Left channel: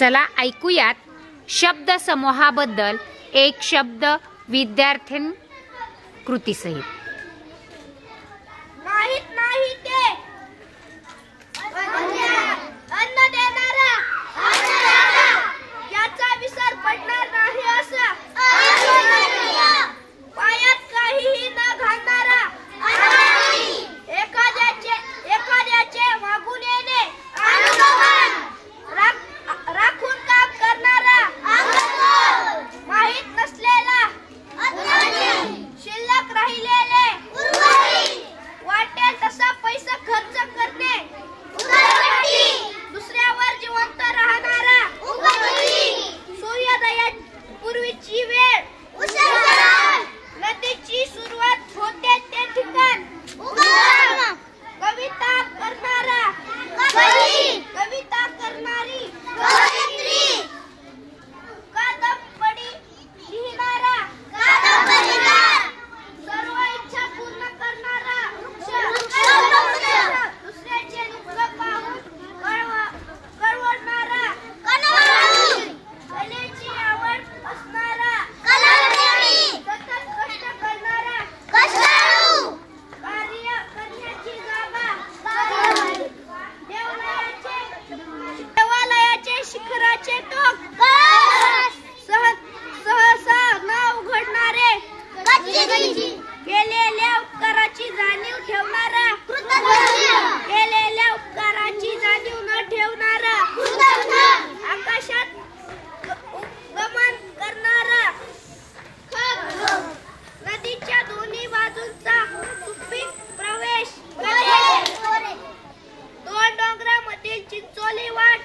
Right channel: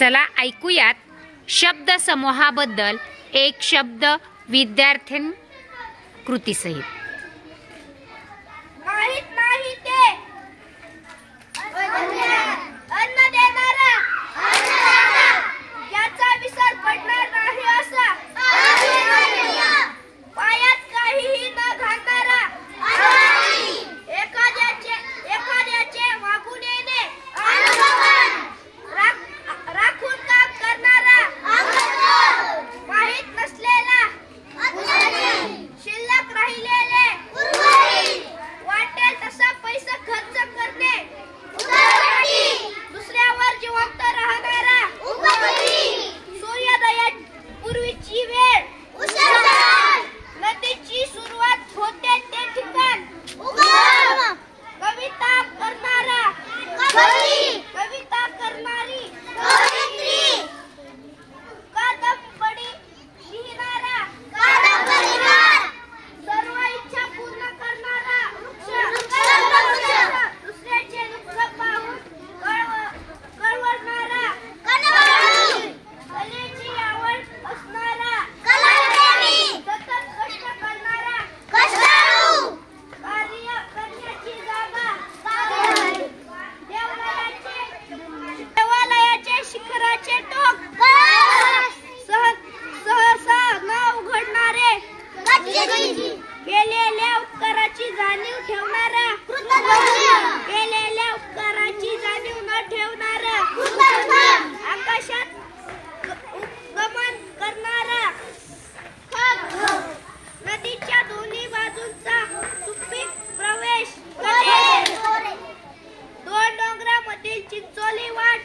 चला ऐकूयात शब्द समूहाबद्दल एक शब्द विद्यार्थी कृतीसहित। नाही ते अन्न देणारा, याचा विसर पडणार नाही असा, पायात काहीही न घालणारा, एखाद्याचे मागून येणे, राखून काम करणारा, माहित नसलेला, शिल्लक राहिलेले, वाटेल तसा पैसा खर्च करणे, दुसऱ्यावर जिवंत राहणारा, सूर्योदयापूर्वीची वेळ, नदीची सुरुवात होते ते ठिकाण, कविता करणारी, कादंबरी लिहिणारा, सर्व इच्छा पूर्ण करणारा, दुसऱ्याचे दुःख पाहून कळवणारा, कलेची आवड असणारा, सतत कष्ट करणारा, कार्य करण्याची जागा, देवालयाचे शिखराचे टोक, सहसा न उघडणारे, केलेल्या उपकाराची जाणीव ठेवणारा, केलेल्या उपकाराची जाणीव न ठेवणारा, आकाशात गमन करणारा, नदीच्या दोन्ही बाजूंचा सुपीक प्रवेश, दोन डोंगरामधील चिंचोली वाट,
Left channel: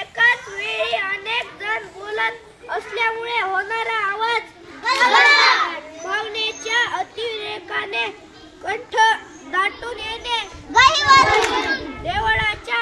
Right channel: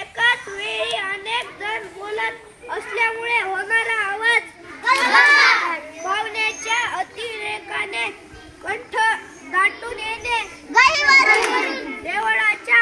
एकाच वेळी अनेक जण बोलत असल्यामुळे होणारा आवाज, भावनेच्या अतिरेकाने कंठ दाटून येणे, देवळाच्या